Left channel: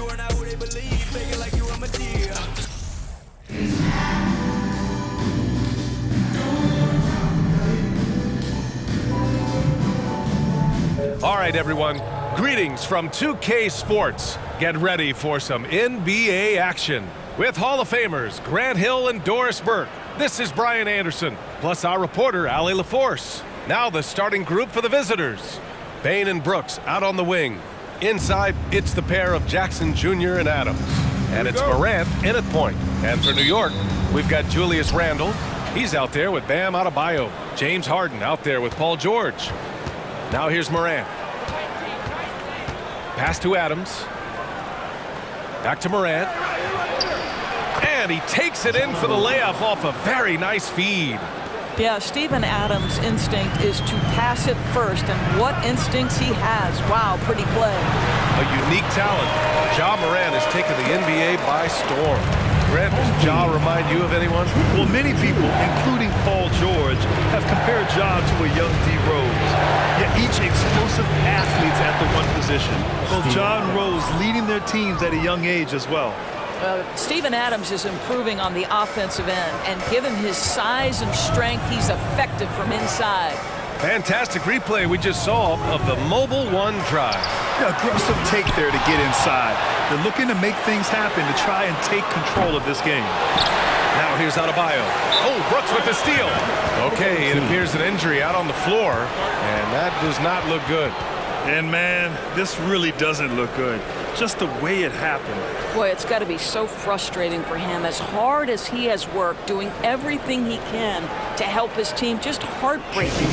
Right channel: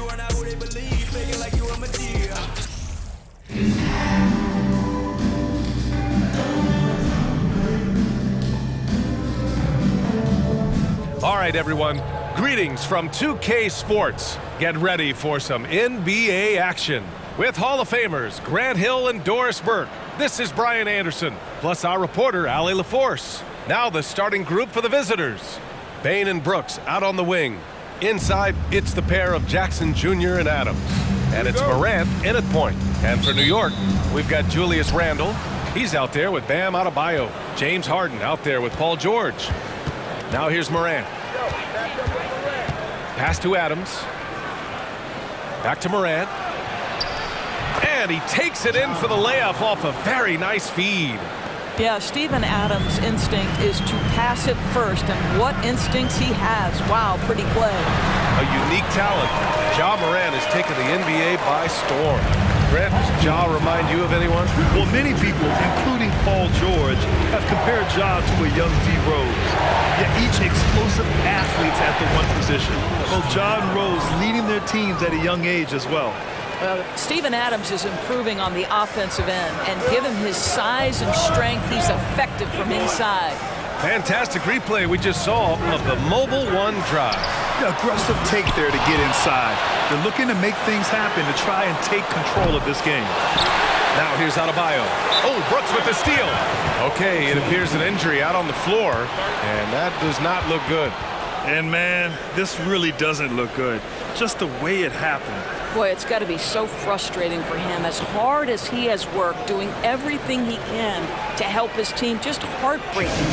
You are not who they believe, faking like you a Medea. All right, everyone. Greetings from 2K Sports. Get ready for some NBA action. With Hall of Famers Grant Hill and Doris Burke, this is Brian Anderson, plus our reporter, Allie LaForce. Now the starting group for the visitors. Bain and Brooks out on the wing. Inside, it's the pair of Jackson Jr. and Adams. And it's Morant in at point. And for New York, we've got Julius Randle. He's out there with Bam Adebayo. James Harden out there with Paul George. Now here's Morant. Pass to Adams. Back to Morant. And he takes it in for the layup off a very nice feed. Yeah, Steven Adams' instinct is to pass it first, and what instincts he has. Wow, pretty play. A unique talent. Ja Morant has taken the NBA by storm. Grant, does Ja remind you of anyone? Well, many people, including Paul George, have compared Ja to a young D. Rose. Yet each explosive athletes at the one position. Both Ja and Rose leading their teams at a young age as well. Steven Adams is improving on the offensive end, and given his size and strength, he's effective from inside. Fantastic replay we just saw of the mobile one drive. Yeah, aggressive take there to get inside. They're looking to make things happen to try and take control of this game. Now here's Adebayo. Oh, Brooks with the steal. Okay, it appears an injury out on the floor, and that does not look good. And man, this really doesn't look good. Just the way it happened. Boy, it's got to be so frustrating for him. As hard as he has worked, doing everything he can to help his team, just heartbreaking.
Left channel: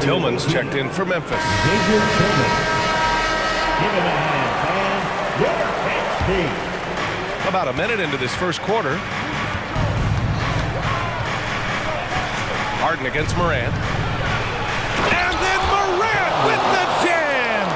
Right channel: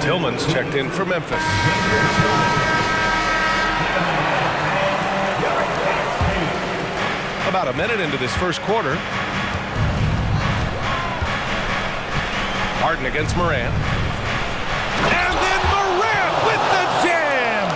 Tillman's checked in for Memphis. About a minute into this first quarter. Harden against Morant. And then Morant with the jam!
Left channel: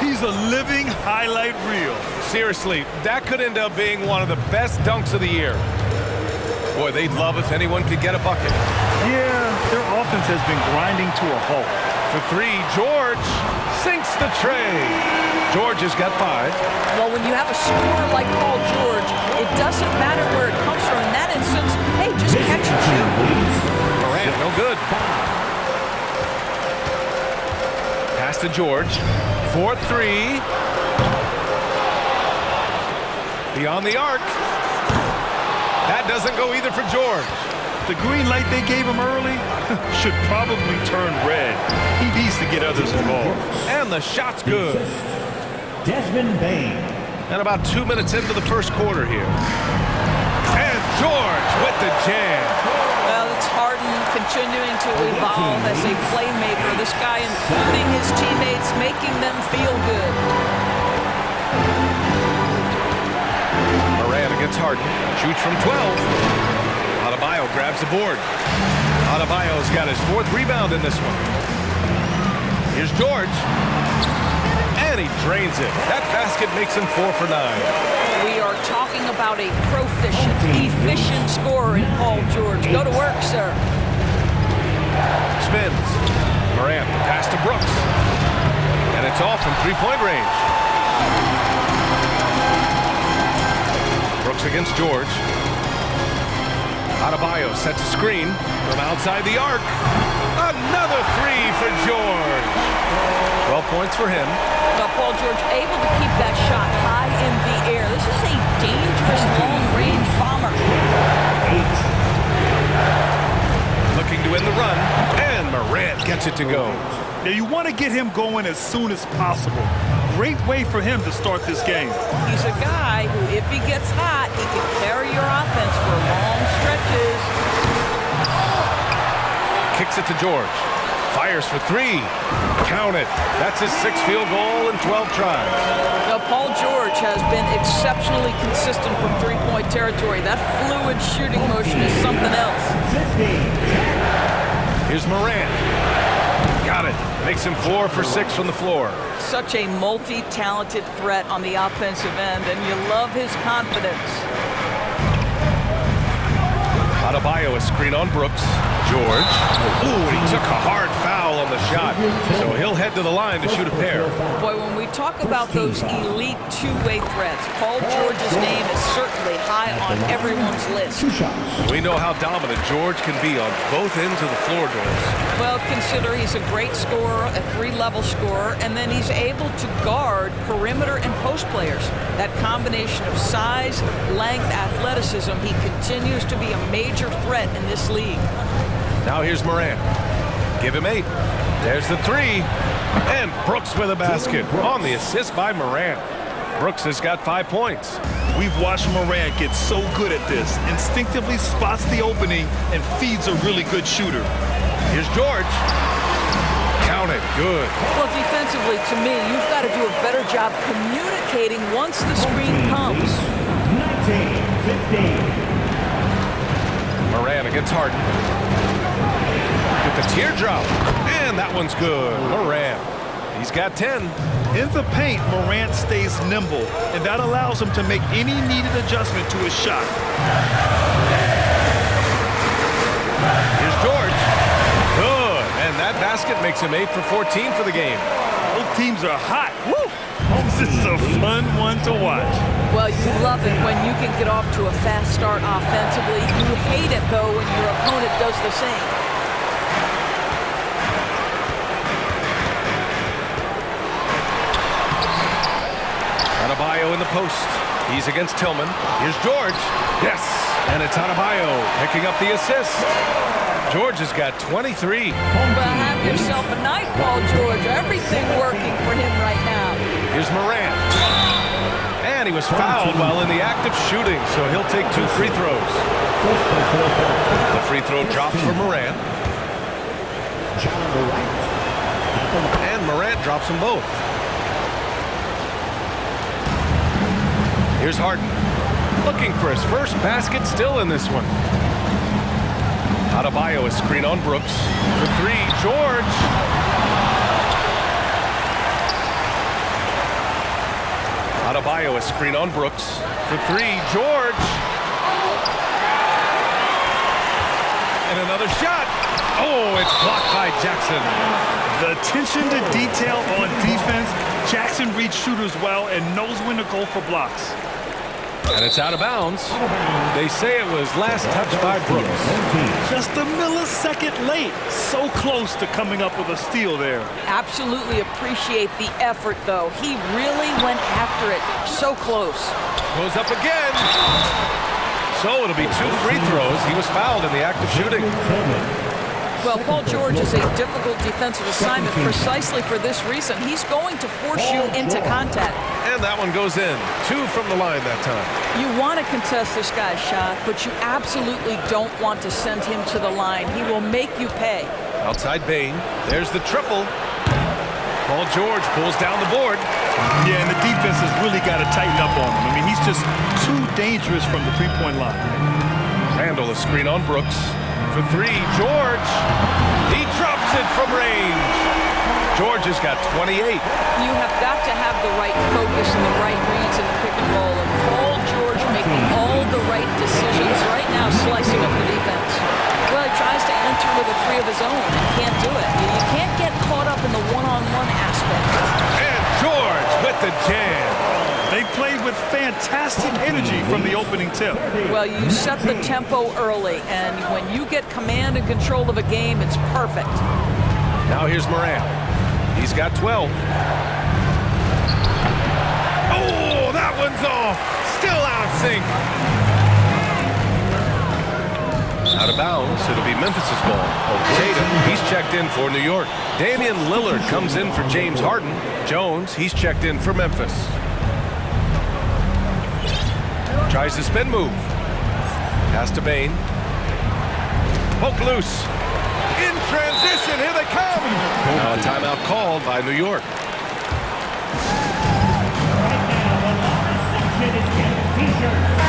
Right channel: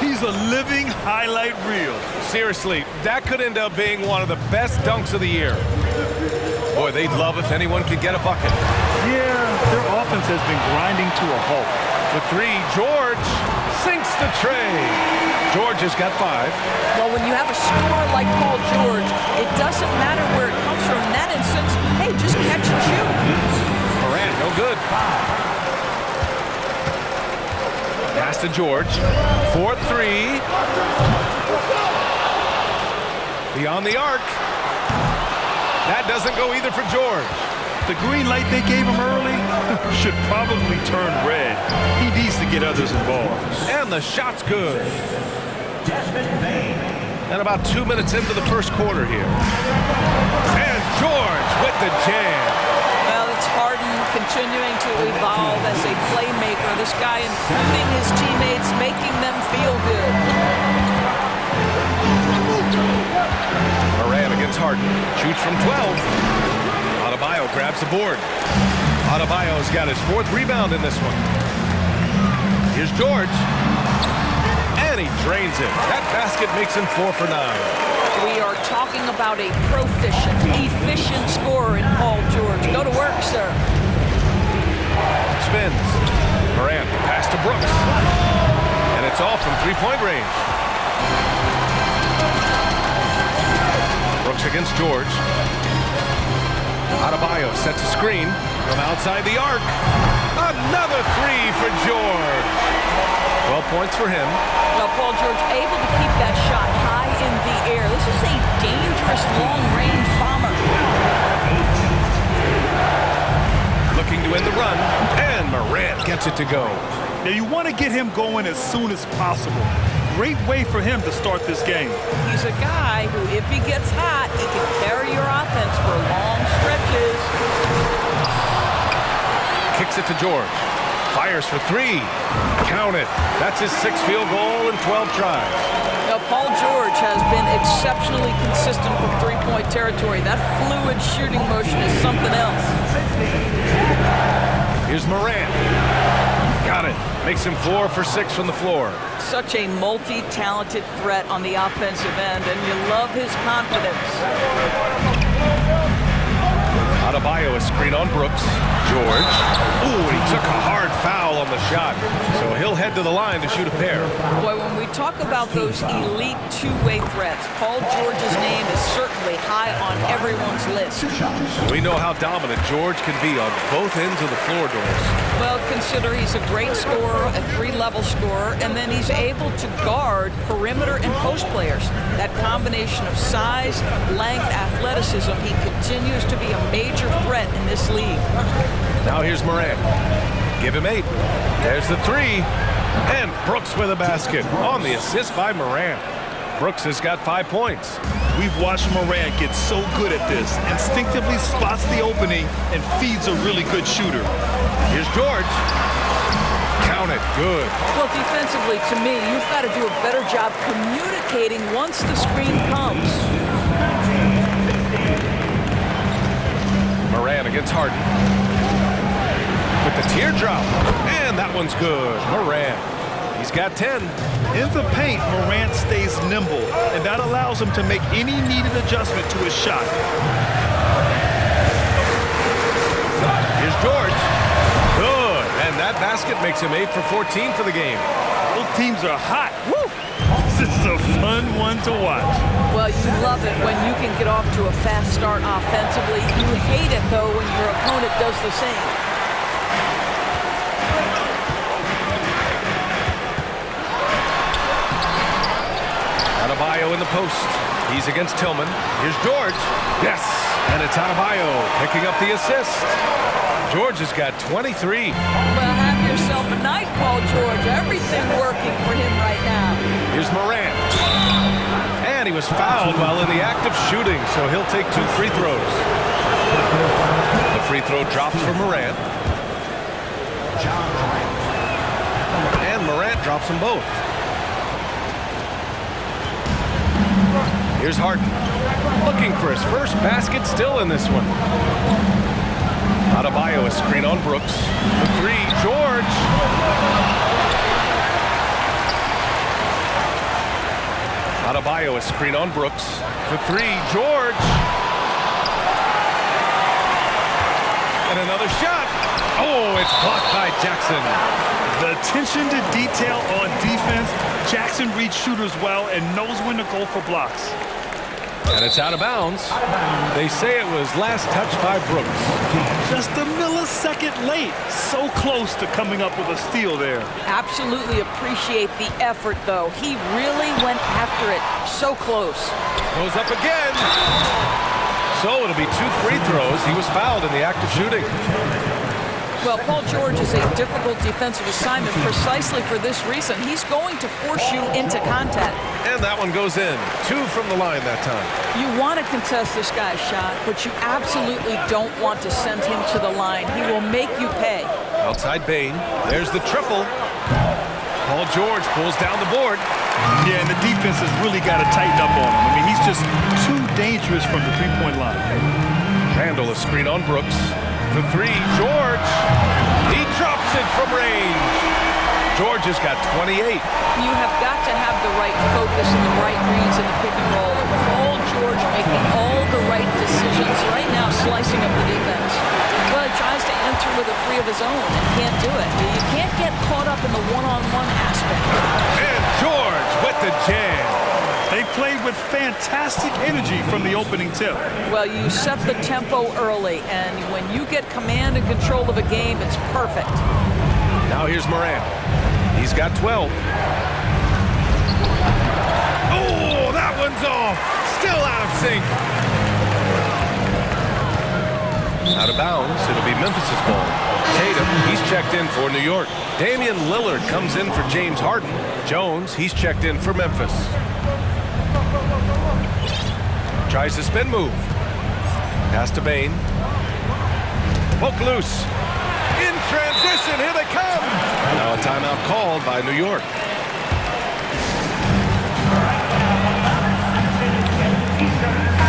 He's a living highlight reel. Seriously, that could end up being one of the best dunks of the year. Boy, they'd love if anyone could get a bucket. Yeah, their offense has been grinding to a halt. For three, George sinks the tray. George has got 5. Well, when you have a scorer like Paul George, it doesn't matter where it comes from. In that instance, hey, just catch and shoot. Morant, no good. Pass to George. 4-3. Beyond the arc. That doesn't go either for George. The green light they gave him early should probably turn red. He needs to get others involved. And the shot's good. Bain. And about 2 minutes into the first quarter here. And George with the jam. Well, it's Harden continuing to evolve as a playmaker. This guy including his teammates, making them feel good. Morant against Harden. Shoots from 12. Adebayo grabs the board. Adebayo's got his 4th rebound in this one. Here's George. And he drains it. That basket makes him 4 for 9. We are talking about a proficient, efficient scorer in Paul George. Go to work, sir. Spins. Morant, the pass to Brooks. And it's off from 3-point range. Brooks against George. Adebayo sets a screen from outside the arc. Another 3 for George. 12 points for him. Well, Paul George able to keep that shot high in the air. This is a dangerous long-range bomber. Looking to end the run, and Morant gets it to go. Now you want to get him going as soon as possible. Great way for him to start this game. He's a guy who, if he gets hot, he can carry your offense for long stretches. Kicks it to George. Fires for 3. Count it. That's his 6th field goal in 12 tries. Now, Paul George has been exceptionally consistent from 3-point territory. That fluid shooting motion is something else. Here's Morant. Got it. Makes him 4 for 6 from the floor. Such a multi-talented threat on the offensive end, and you love his confidence. Adebayo a screen on Brooks. George. Ooh, and he took a hard foul on the shot. So he'll head to the line to shoot a pair. Boy, when we talk about those elite two-way threats, Paul George's name is certainly high on everyone's list. We know how dominant George can be on both ends of the floor, Doris. Well, consider he's a great scorer, a three-level scorer, and then he's able to guard perimeter and post players. That combination of size, length, athleticism, he continues to be a major threat in this league. Now here's Morant. Give him 8. There's the 3. And Brooks with a basket on the assist by Morant. Brooks has got 5 points. We've watched Morant get so good at this. Instinctively spots the opening and feeds a really good shooter. Here's George. Count it. Good. Well, defensively, to me, you've got to do a better job communicating once the screen comes. 19-15. Morant against Harden. With the teardrop. And that one's good. Morant. He's got 10. In the paint, Morant stays nimble, and that allows him to make any needed adjustment to his shot. Here's George. Good. And that basket makes him 8 for 14 for the game. Both teams are hot. Woo! This is a fun one to watch. Well, you love it when you can get off to a fast start offensively. You hate it, though, when your opponent does the same. Adebayo in the post. He's against Tillman. Here's George. Yes. And it's Adebayo picking up the assist. George has got 23. Well, have yourself a night, Paul George. Everything working for him right now. Here's Morant. And he was fouled while in the act of shooting, so he'll take 2 free throws. The free throw drops for Morant. And Morant drops them both. Here's Harden. Looking for his first basket still in this one. Adebayo, a screen on Brooks. For 3, George. Adebayo, a screen on Brooks. For 3, George. And another shot. Oh, it's blocked by Jackson. The attention to detail on defense. Jackson reads shooters well and knows when to go for blocks. And it's out of bounds. They say it was last touched by Brooks. Just a millisecond late. So close to coming up with a steal there. Absolutely appreciate the effort, though. He really went after it. So close. Goes up again. So it'll be 2 free throws. He was fouled in the act of shooting. Well, Paul George is a difficult defensive assignment precisely for this reason. He's going to force you into contact. And that one goes in. 2 from the line that time. You want to contest this guy's shot, but you absolutely don't want to send him to the line. He will make you pay. Outside Bane. There's the triple. Paul George pulls down the board. Yeah, and the defense has really got to tighten up on him. I mean, he's just too dangerous from the three-point line. Randall, a screen on Brooks. For 3, George. He drops it from range. George has got 28. You have got to have the right focus and the right reads in the pick and roll. And Paul George making all the right decisions right now, slicing up the defense. Well, he tries to enter with a 3 of his own and can't do it. You can't get caught up in the one-on-one aspect. And George with the jam. They played with fantastic energy from the opening tip. Well, you set the tempo early, and when you get command and control of a game, it's perfect. Now here's Morant. He's got 12. Oh, that one's off. Still out of sync. Out of bounds. It'll be Memphis' ball. Tatum, he's checked in for New York. Damian Lillard comes in for James Harden. Jones, he's checked in for Memphis. Tries the spin move. Pass to Bane. Poke loose. In transition, here they come. Now a timeout called by New York.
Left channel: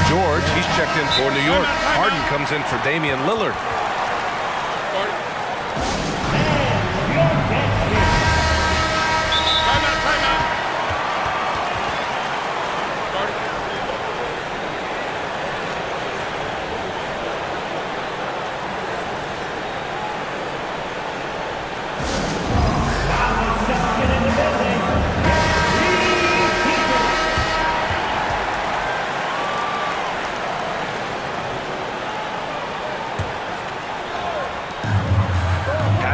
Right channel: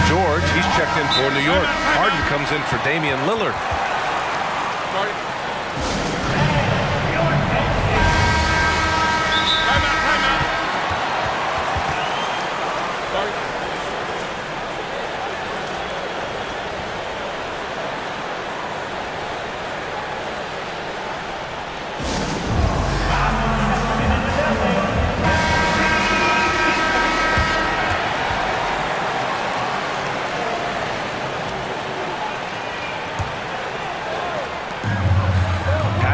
George, he's checked in for New York. Harden comes in for Damian Lillard. Timeout.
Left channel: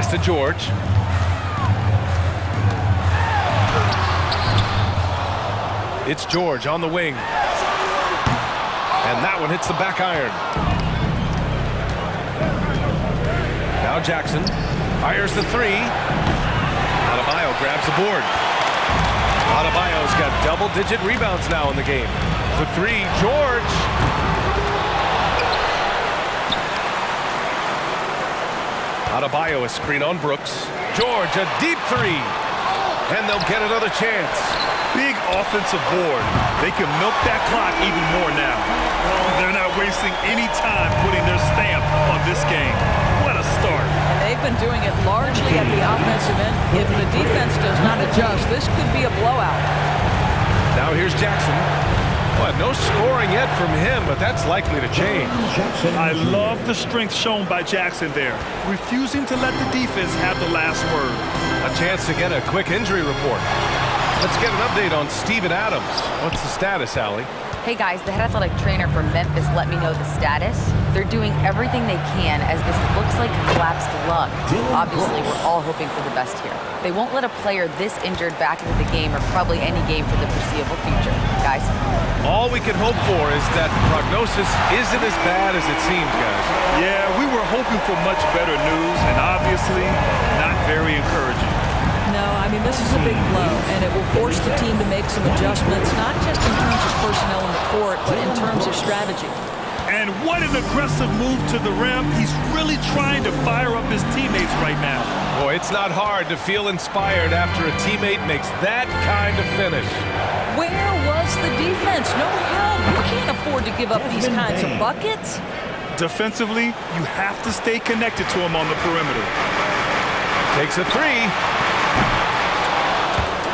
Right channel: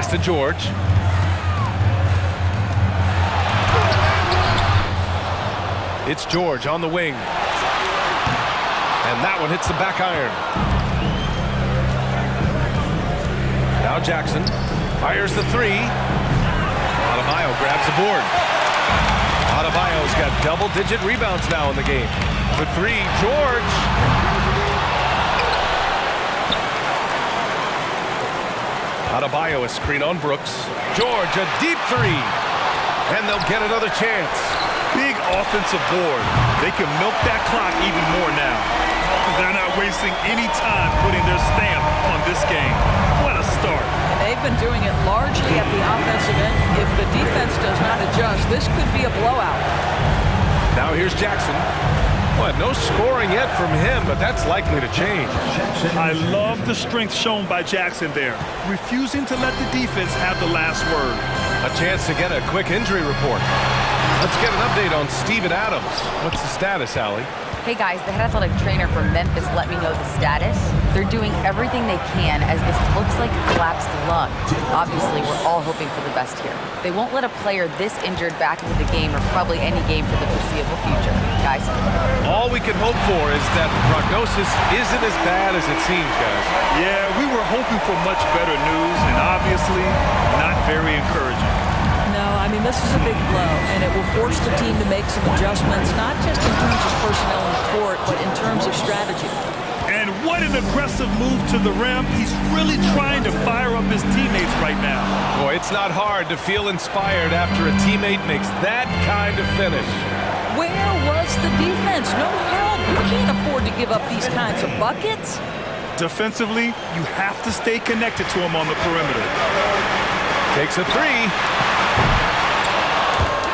to George. It's George on the wing. And that one hits the back iron. Now Jackson fires the three. Adebayo grabs the board. Adebayo's got double-digit rebounds now in the game. For three, George. Adebayo a screen on Brooks. George a deep three. And they'll get another chance. Big offensive board. They can milk that clock even more now. They're not wasting any time putting their stamp on this game. What a start. And they've been doing it largely at the offensive end. If the defense does not adjust, this could be a blowout. Now here's Jackson. Well, no scoring yet from him, but that's likely to change. I love the strength shown by Jackson there, refusing to let the defense have the last word. A chance to get a quick injury report. Let's get an update on Steven Adams. What's the status, Allie? Hey guys, the head athletic trainer from Memphis let me know the status. They're doing everything they can as this looks like a collapsed lung. Obviously, we're all hoping for the best here. They won't let a player this injured back into the game or probably any game for the foreseeable future. Guys? All we can hope for is that the prognosis isn't as bad as it seems, guys. Yeah, we were hoping for much better news, and obviously not very encouraging. No, I mean, this is a big blow, and it will force the team to make some adjustments, not just in terms of personnel in the court, but in terms of strategy. And what an aggressive move to the rim. He's really trying to fire up his teammates right now. Boy, it's not hard to feel inspired after a teammate makes that kind of finish. Where was the defense? No help. You can't afford to give up these kinds of buckets. Defensively, you have to stay connected to him on the perimeter. Takes a three.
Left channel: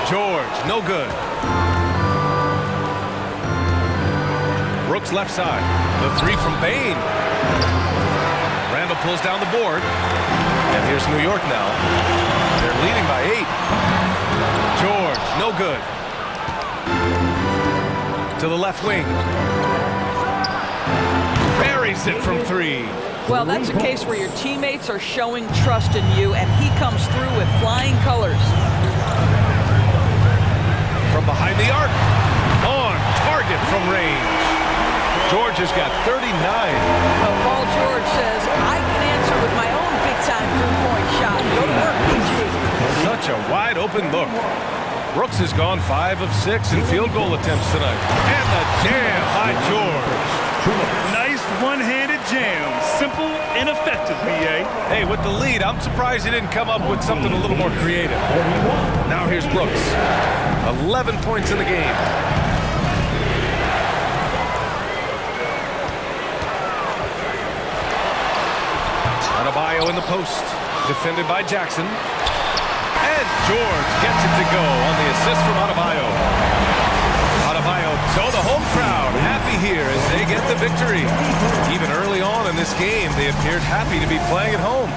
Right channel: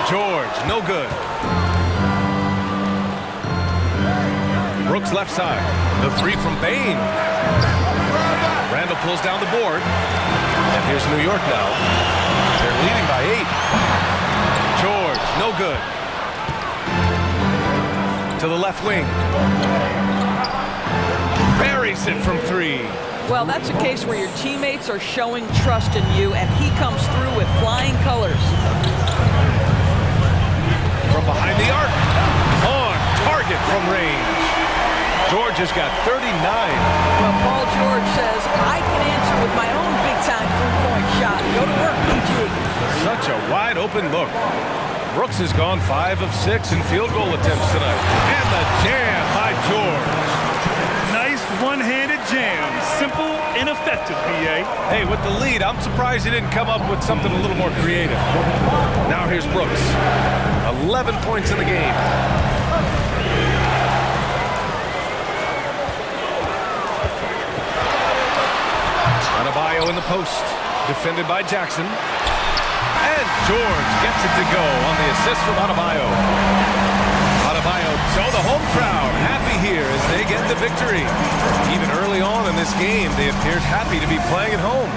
George, no good. Brooks left side. The three from Bain. Randall pulls down the board. And here's New York now. They're leading by 8. George, no good. To the left wing. Buries it from 3. Well, that's a case where your teammates are showing trust in you, and he comes through with flying colors. From behind the arc. On target from range. George has got 39. Well, Paul George says, I can answer with my own big-time three-point shot. Go to work, PG. Such a wide-open look. Brooks has gone 5 of 6 in field goal attempts tonight. And the jam by George. Nice one-handed jam. Simple and effective, B.A. Hey, with the lead, I'm surprised he didn't come up with something a little more creative. Now here's Brooks. 11 points in the game. Adebayo in the post. Defended by Jackson. And George gets it to go on the assist from Adebayo. Adebayo, so the home crowd happy here as they get the victory. Even early on in this game, they appeared happy to be playing at home.